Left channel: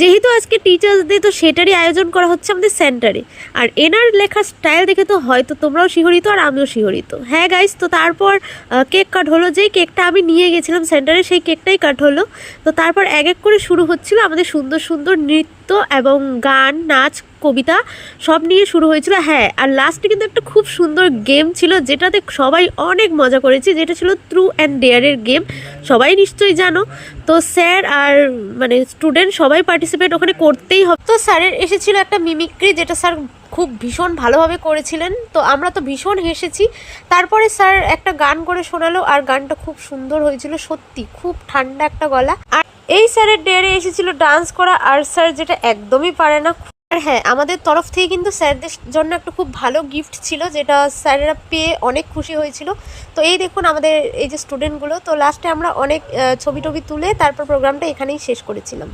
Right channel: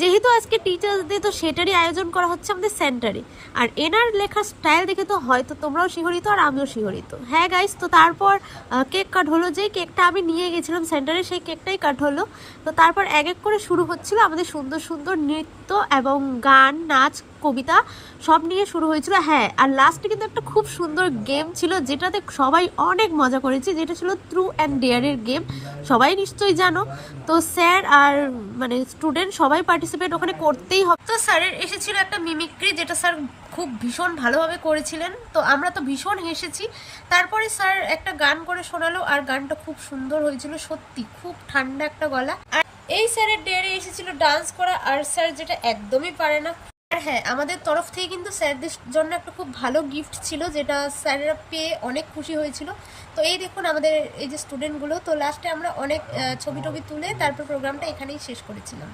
যেহেতু আজকে teachers day, তো সেটারই আয়োজন করা হচ্ছে আমাদের সেন্টারে। আর এনার লেখার স্টাইল দেখে তো হয়তো তোমরাও শিহরিত আর আমিও শিহরিত। হ্যাঁ গাইস, তো তারপর কেক কাট হলো। যেই কেকটা আমি নিয়ে গেছিলাম সেন্টারে, সেই কেকটাই কাট হলো। তো তারপর এক এক করে শুরু হচ্ছিল আমাদের সুন্দর সুন্দর নৃত্য এবং গান, নাচ, কবিতা সব নিয়ে শুরু হয়েছিল। হ্যাঁ, আর লাস্টে কিন্তু একটা খুব সুন্দর গেম ছিল, যেটাতে সবাই অনেক মজা করেছি, যেটা ছিল ট্রু অ্যান্ড ডেয়ারের গেম। সবাই নিশ্চয়ই জানো। তো স্যার আর মানে স্টুডেন্ট সবাই পার্টিসিপেট ওখানে করতেই হবে। তো স্যারের এসেছিল একটা মিমিক্রি, যেটা স্যার খুব ভীষণ ভালোভাবে করেছিলেন। তো আমরা তো ভীষণ হেসেছি। তারপরে স্যার একটা গান করে শোনালো, আর গানটা খুব সুন্দর হয়েছিল, সত্যি খুব ঠান্ডা একটা গলা। আর এই স্যারের ডেয়ারে এসেছিল ডান্স করা, আর স্যার যেটা একদমই পারে না। আর হ্যাঁ, আমাদের তরফ থেকে কিন্তু স্যারদের জন্য একটা খুব ভালো গিফট ছিল, যেটা স্যারেরা পেয়ে অনেক খুশি হয়েছিল। তো এই দেখুন আমাদের এই যে স্টুডেন্টগুলো, তো লাস্টে আমরা অনেক ছবি টবি তুলে তারপর প্রোগ্রামটা এখানেই শেষ করেছিলাম।